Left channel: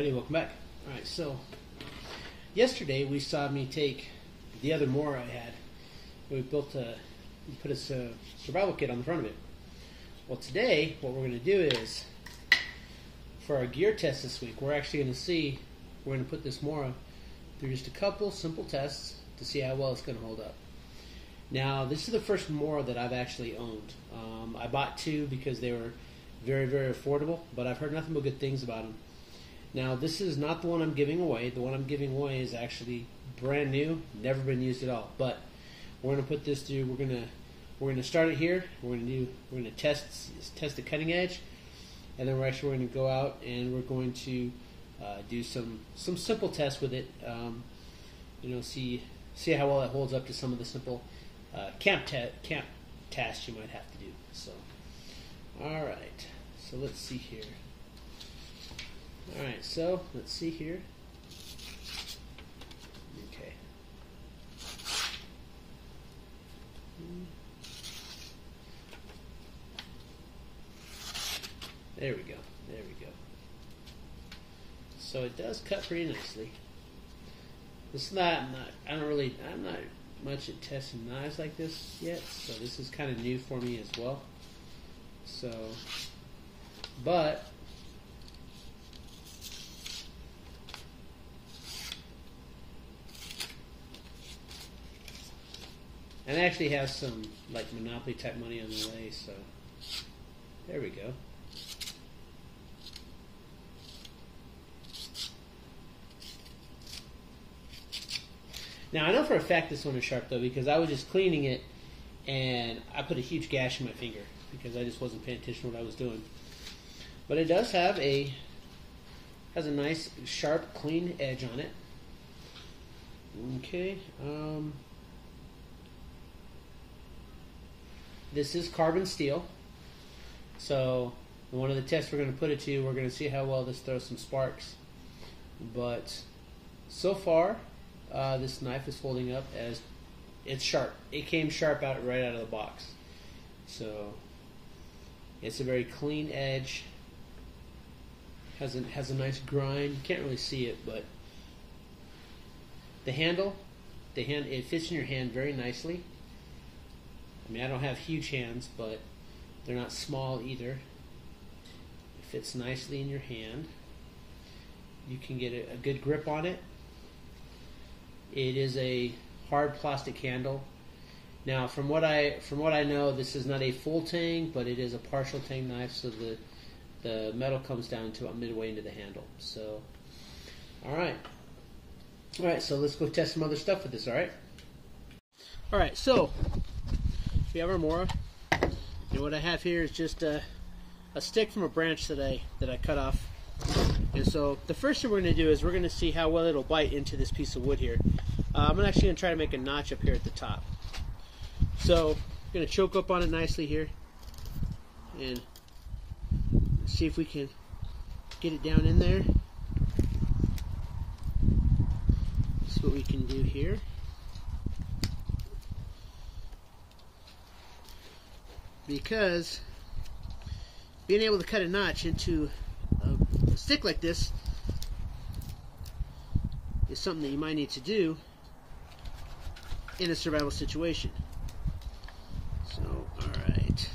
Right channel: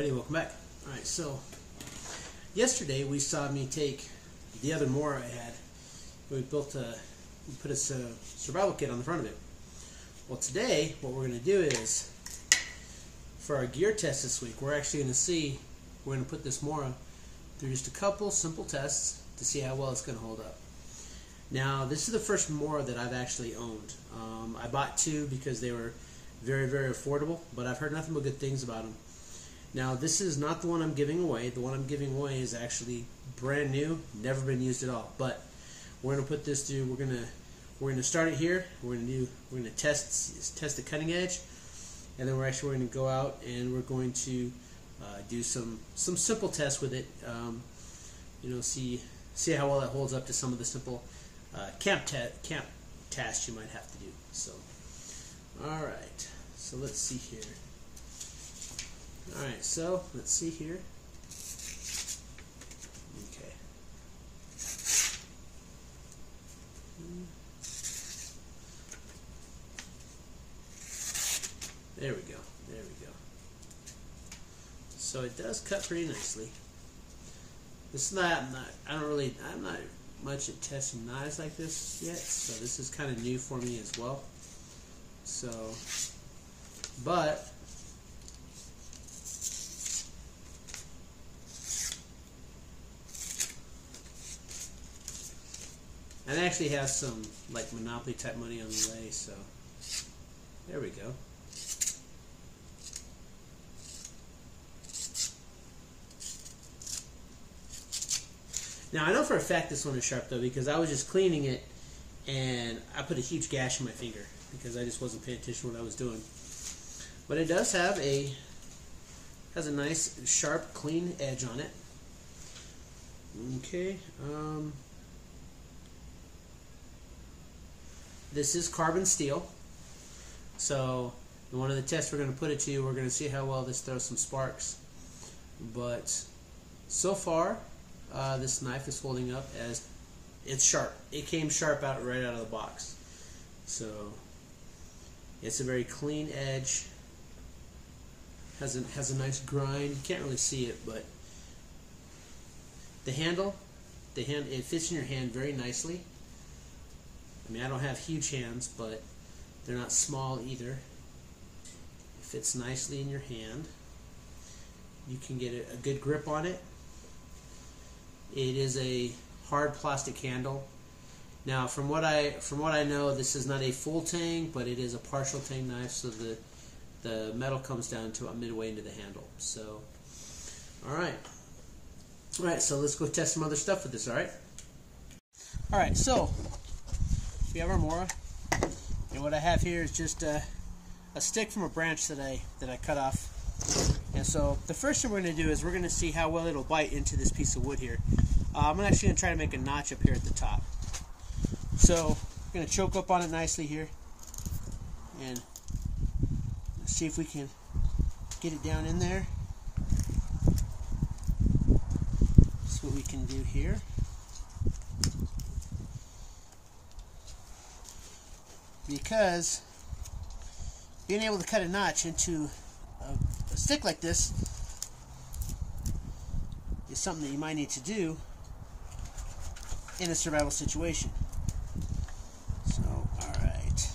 everybody, welcome back. Alright, so yesterday we saw me take the other Mora I had. We put a survival kit on the front of it. Well, today what we're going to do is, for our gear test this week, we're actually going to put this Mora through just a couple simple tests to see how well it's going to hold up. Now, this is the first Mora that I've actually owned. I bought two because they were very, very affordable, but I've heard nothing but good things about them. Now, this is not the one I'm giving away. The one I'm giving away is actually brand new, never been used at all. But we're going to put this through. We're going to start it here. We're going to test the cutting edge, and then we're going to go out and we're going to do some simple tests with it. See how well it holds up to some of the simple camp tasks you might have to do. So, all right. So let's see here. All right. So let's see here. Okay. There we go. There we go. So it does cut pretty nicely. It's not. I'm not much at testing knives like this yet, so this is kind of new for me as well. So, but and I actually have some like Monopoly type money on the way, so there we go. Now, I know for a fact this one is sharp, though, because I was just cleaning it, and I put a huge gash in my finger, because I just wasn't paying attention to what I was doing. But it does have has a nice, sharp, clean edge on it. Okay. This is carbon steel. So, in one of the tests we're going to put it to, we're going to see how well this throws some sparks. But, so far, this knife is holding up as it's sharp. It came sharp right out of the box. So it's a very clean edge. Has a nice grind. You can't really see it, but the handle, it fits in your hand very nicely. I mean, I don't have huge hands, but they're not small either. It fits nicely in your hand. You can get a good grip on it. It is a hard plastic handle. Now, from what I know, this is not a full tang, but it is a partial tang knife, so the metal comes down to about midway into the handle. So, all right. So let's go test some other stuff with this. All right. So we have our Mora, and what I have here is just a stick from a branch that I cut off. And so the first thing we're going to do is we're going to see how well it'll bite into this piece of wood here. I'm actually going to try to make a notch up here at the top. So I'm going to choke up on it nicely here and see if we can get it down in there. That's what we can do here. Because being able to cut a notch into a stick like this is something that you might need to do in a survival situation. So, alright.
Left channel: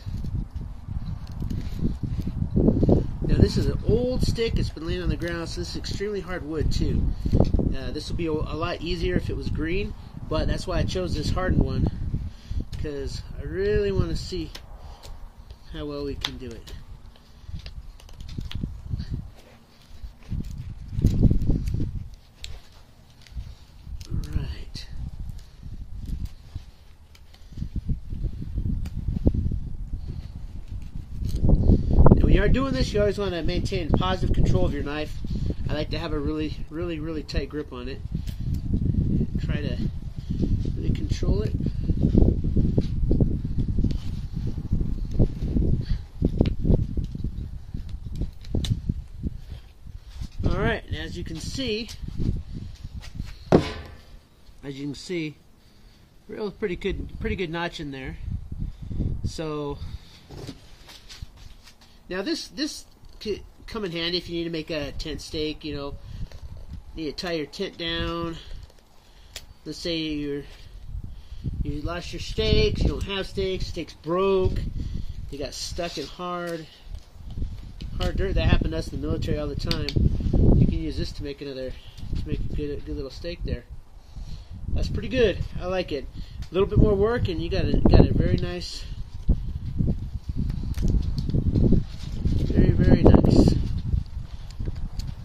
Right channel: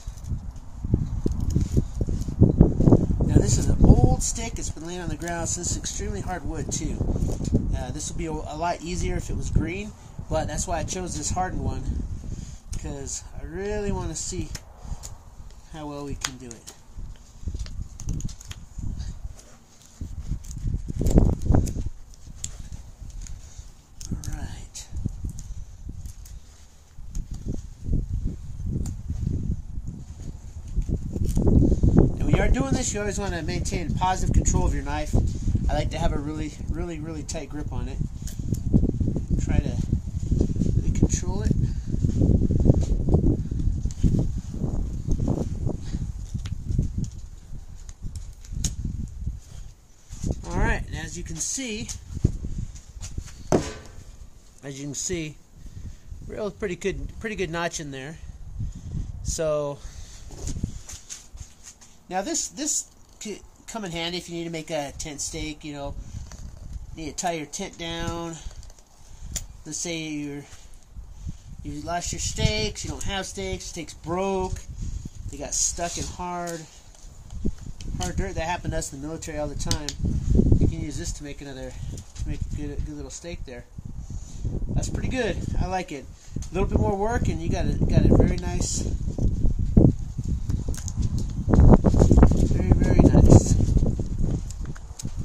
Now, this is an old stick. It's been laying on the ground, so this is extremely hard wood, too. This would be a lot easier if it was green, but that's why I chose this hardened one, because I really want to see how well we can do it. When you are doing this, you always want to maintain positive control of your knife. I like to have a really, really, really tight grip on it. Try to really control it. Alright, and as you can see, real pretty good notch in there. So now this come in handy if you need to make a tent stake. You know, you need to tie your tent down. Let's say you lost your stakes, you don't have stakes, stakes broke, you got stuck in hard dirt. That happened to us in the military all the time. You can use this to make a good little stake there. That's pretty good. I like it. A little bit more work, and you got it very nice. Very nice.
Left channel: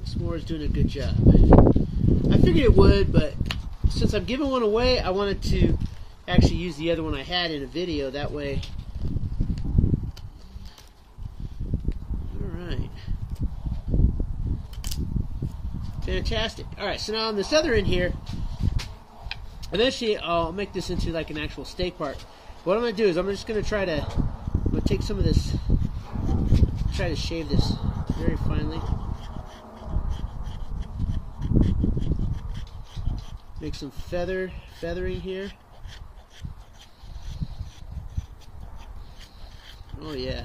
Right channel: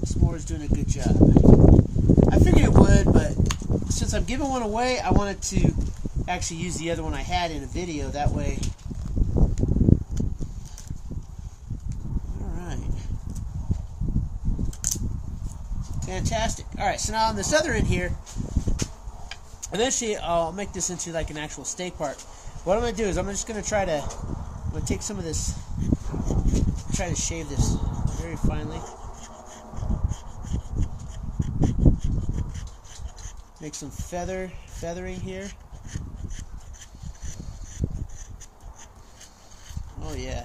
This more is doing a good job. I figured it would, but since I'm giving one away, I wanted to actually use the other one I had in a video. That way. Alright. Fantastic. Alright, so now on this other end here, eventually I'll make this into like an actual stake part. What I'm going to do is I'm just going to try to take some of this, try to shave this very finely. Make some feathering here. Oh yeah.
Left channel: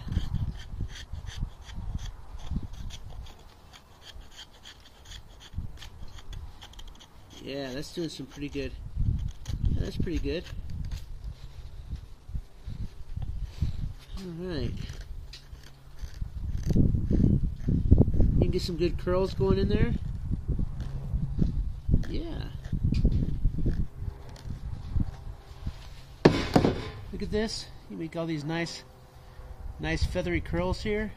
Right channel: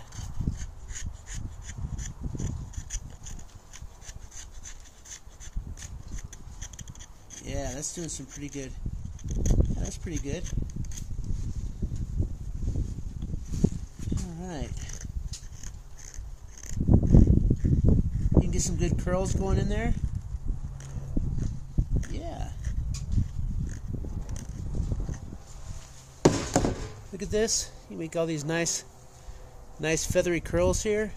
Yeah, that's doing some pretty good. That's pretty good. Alright. You can get some good curls going in there. Yeah. Look at this. You make all these nice feathery curls here.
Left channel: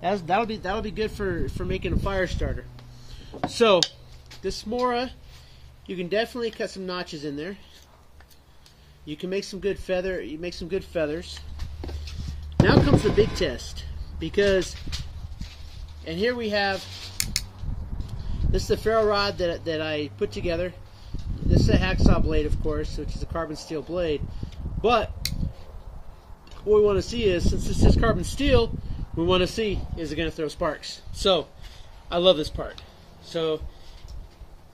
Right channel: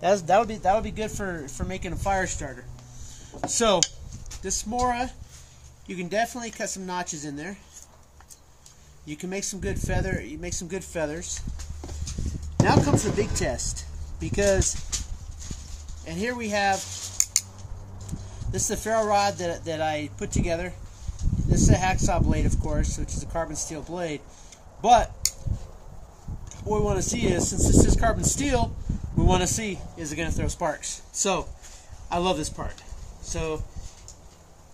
That'll be good for making a fire starter. So this Mora, you can definitely cut some notches in there. You can make some good feathers. Now comes the big test, because, and here we have, this is the ferro rod that I put together. This is a hacksaw blade, of course, which is a carbon steel blade. But what we want to see is, since this is carbon steel, we want to see, is it going to throw sparks? So I love this part. So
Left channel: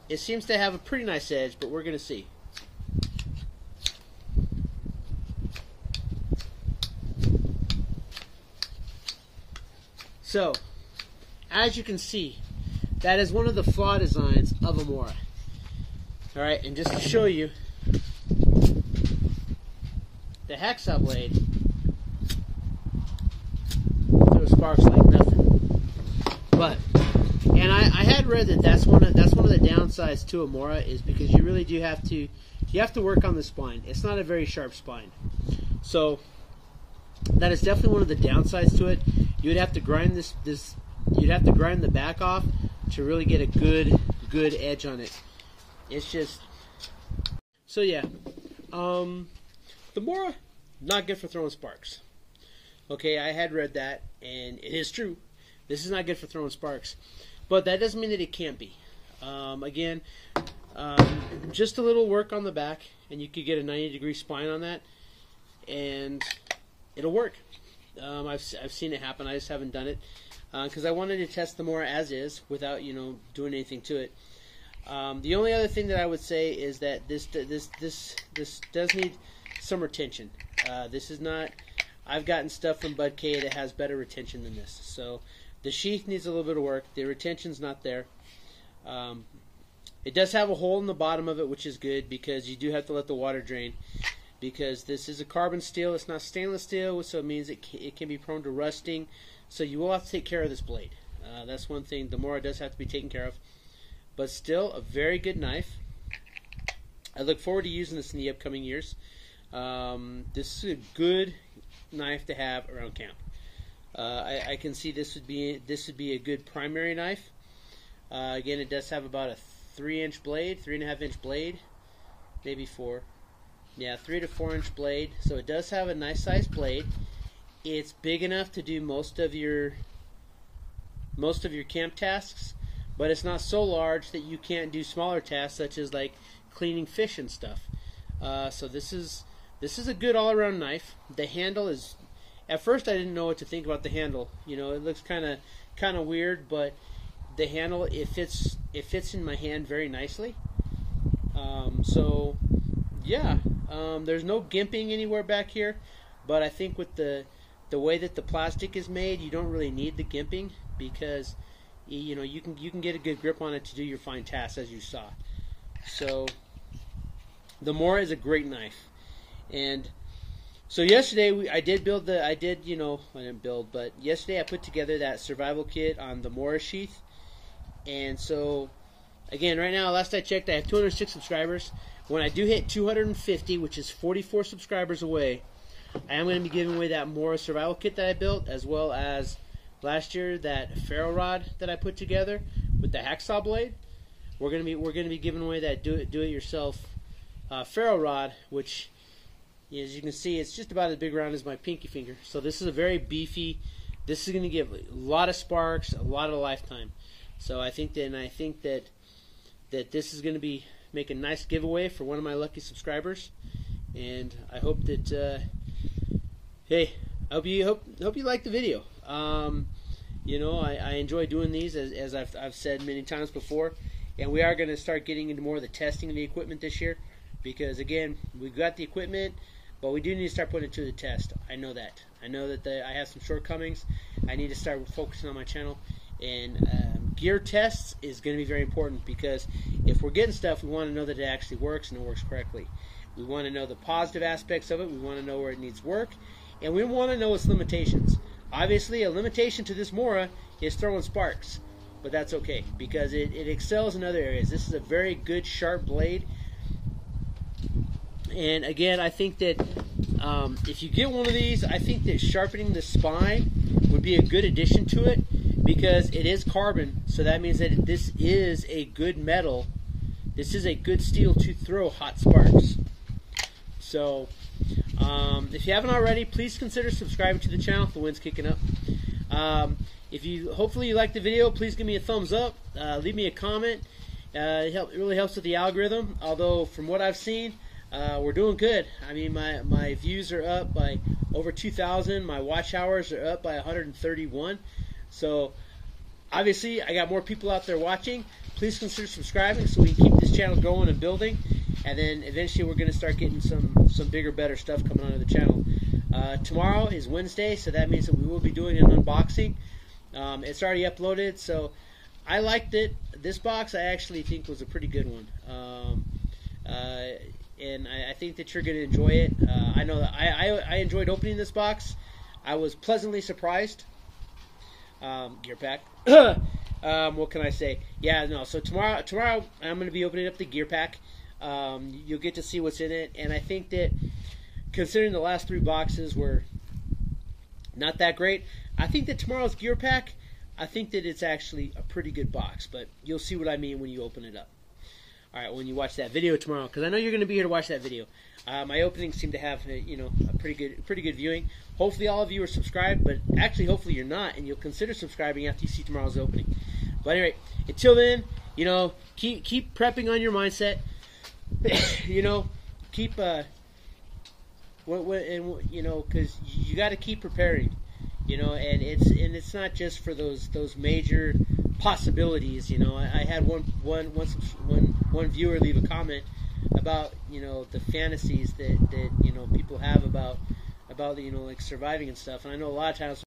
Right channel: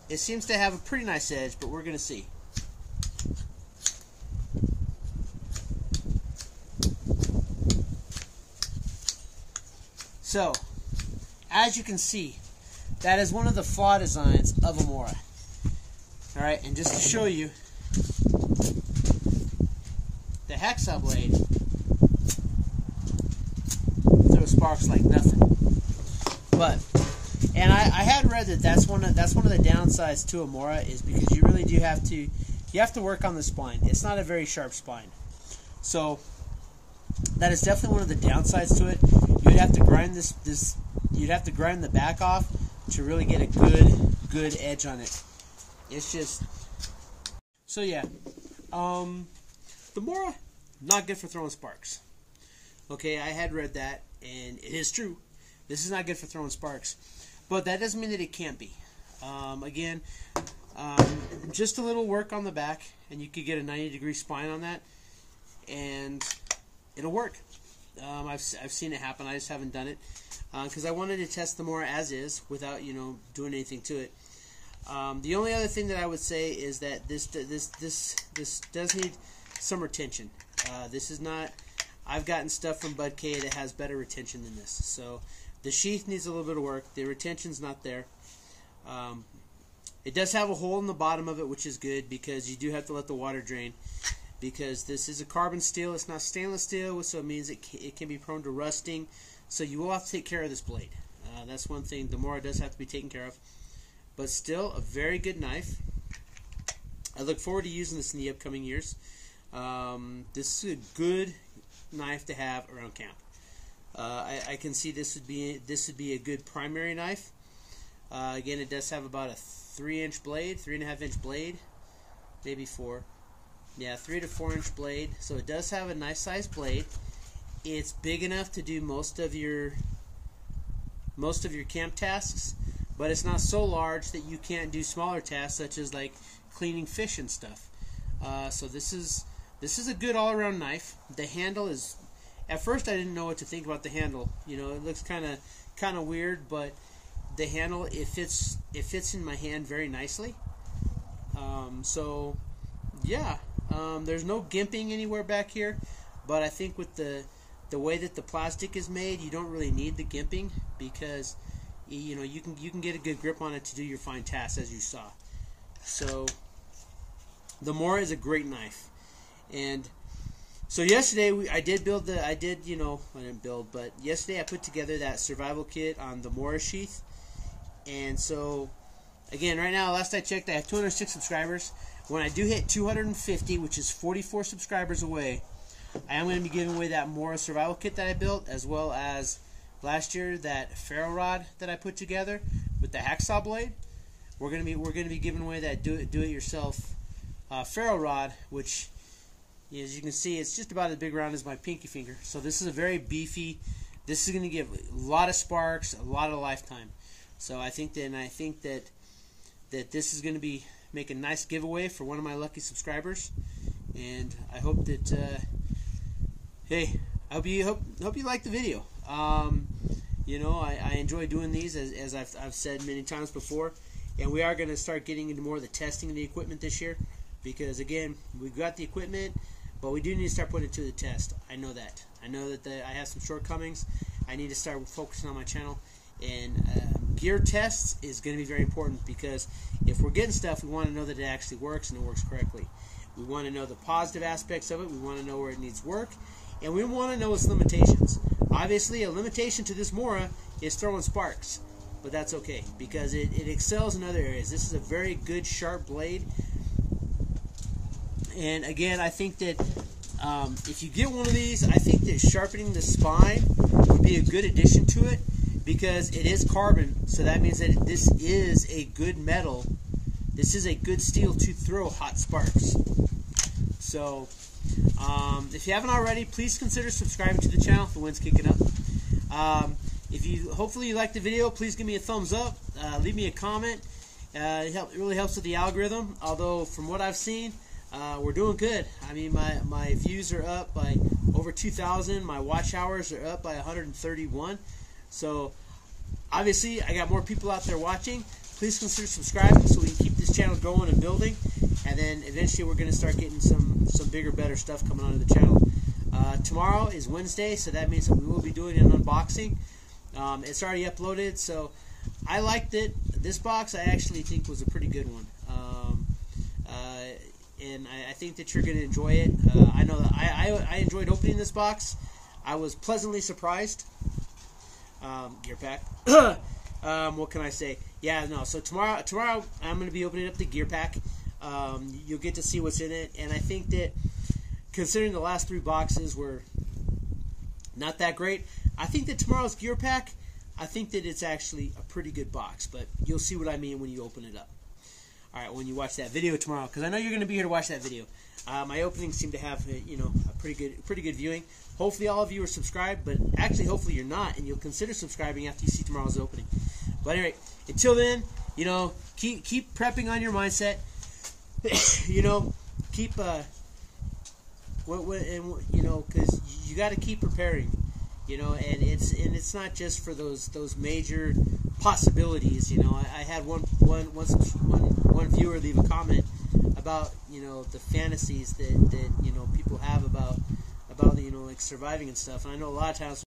it seems to have a pretty nice edge, but we're going to see. So, as you can see, that is one of the flaw designs of a Mora. Alright, and just to show you, the hacksaw blade throws sparks like nothing. But, and I had read that that's one of the downsides to a Mora, is because you really do have to work on the spine. It's not a very sharp spine. So that is definitely one of the downsides to it. You'd have to grind you'd have to grind the back off to really get a good edge on it. It's just, so yeah, the Mora, not good for throwing sparks. Okay, I had read that, and it is true. This is not good for throwing sparks, but that doesn't mean that it can't be. Again, just a little work on the back, and you could get a 90-degree spine on that, and it'll work. I've seen it happen. I just haven't done it because I wanted to test the Mora as is without doing anything to it. The only other thing that I would say is that this does need some retention. This is not. I've gotten stuff from Bud K that has better retention than this. So the sheath needs a little bit of work. The retention's not there. It does have a hole in the bottom of it, which is good because you do have to let the water drain. Because this is a carbon steel, it's not stainless steel, so it means it can be prone to rusting. So you will have to take care of this blade. That's one thing. The Mora does have to be taken care of. But still, a very good knife. I look forward to using this in the upcoming years. This is a good knife to have around camp. I can see this would be a good primary knife. Again, it does have about a 3-inch blade, 3.5-inch blade, maybe 4. Yeah, 3 to 4-inch blade. So it does have a nice sized blade. It's big enough to do most of your camp tasks, but it's not so large that you can't do smaller tasks such as like cleaning fish and stuff. So this is a good all-around knife. The handle is, at first I didn't know what to think about the handle. It looks kind of weird, but the handle, it fits in my hand very nicely. So yeah, there's no gimping anywhere back here, but I think with the the way that the plastic is made, you don't really need the gimping because you can get a good grip on it to do your fine tasks, as you saw. So the Mora is a great knife. And so yesterday I didn't build, but yesterday I put together that survival kit on the Mora sheath. And so again, right now, last I checked, I have 206 subscribers. When I do hit 250, which is 44 subscribers away, I am going to be giving away that Mora survival kit that I built, as well as last year that ferro rod that I put together with the hacksaw blade. We're going to be giving away that do it yourself ferro rod, which, as you can see, it's just about as big around as my pinky finger. So this is a very beefy. This is going to give a lot of sparks, a lot of lifetime. So I think that this is going to be make a nice giveaway for one of my lucky subscribers, and I hope that hey, I hope you like the video. I enjoy doing these, as I've said many times before, and we are going to start getting into more of the testing of the equipment this year, because again, we've got the equipment, but we do need to start putting it to the test. I know that I have some shortcomings. I need to start focusing on my channel, and gear tests is going to be very important, because if we're getting stuff, we want to know that it actually works and it works correctly. We want to know the positive aspects of it. We want to know where it needs work. And we want to know its limitations. Obviously, a limitation to this Mora is throwing sparks. But that's okay, because it excels in other areas. This is a very good, sharp blade. And again, I think that if you get one of these, I think that sharpening the spine would be a good addition to it, because it is carbon. So that means that this is a good metal. This is a good steel to throw hot sparks. So if you haven't already, please consider subscribing to the channel. The wind's kicking up. Hopefully you liked the video, please give me a thumbs up. Leave me a comment. It really helps with the algorithm. Although from what I've seen, we're doing good. I mean, my views are up by over 2,000. My watch hours are up by 131. So obviously I got more people out there watching. Please consider subscribing so we can keep this channel going and building. And then eventually we're going to start getting some bigger, better stuff coming onto the channel. Tomorrow is Wednesday, so that means that we will be doing an unboxing. It's already uploaded, so I liked it. This box I actually think was a pretty good one. And I think that you're going to enjoy it. I know that I enjoyed opening this box. I was pleasantly surprised. Gear pack. What can I say? Yeah, no. So tomorrow I'm going to be opening up the gear pack. You'll get to see what's in it, and I think that considering the last 3 boxes were not that great, I think that tomorrow's gear pack, I think that it's actually a pretty good box, but you'll see what I mean when you open it up. Alright, when you watch that video tomorrow, because I know you're going to be here to watch that video. My openings seem to have a pretty good viewing. Hopefully all of you are subscribed, but actually hopefully you're not, and you'll consider subscribing after you see tomorrow's opening. But anyway, until then, keep prepping on your mindset. Keep because you got to keep preparing. And it's not just for those major possibilities. I had one viewer leave a comment about the fantasies that people have about like surviving and stuff, and I know a lot of times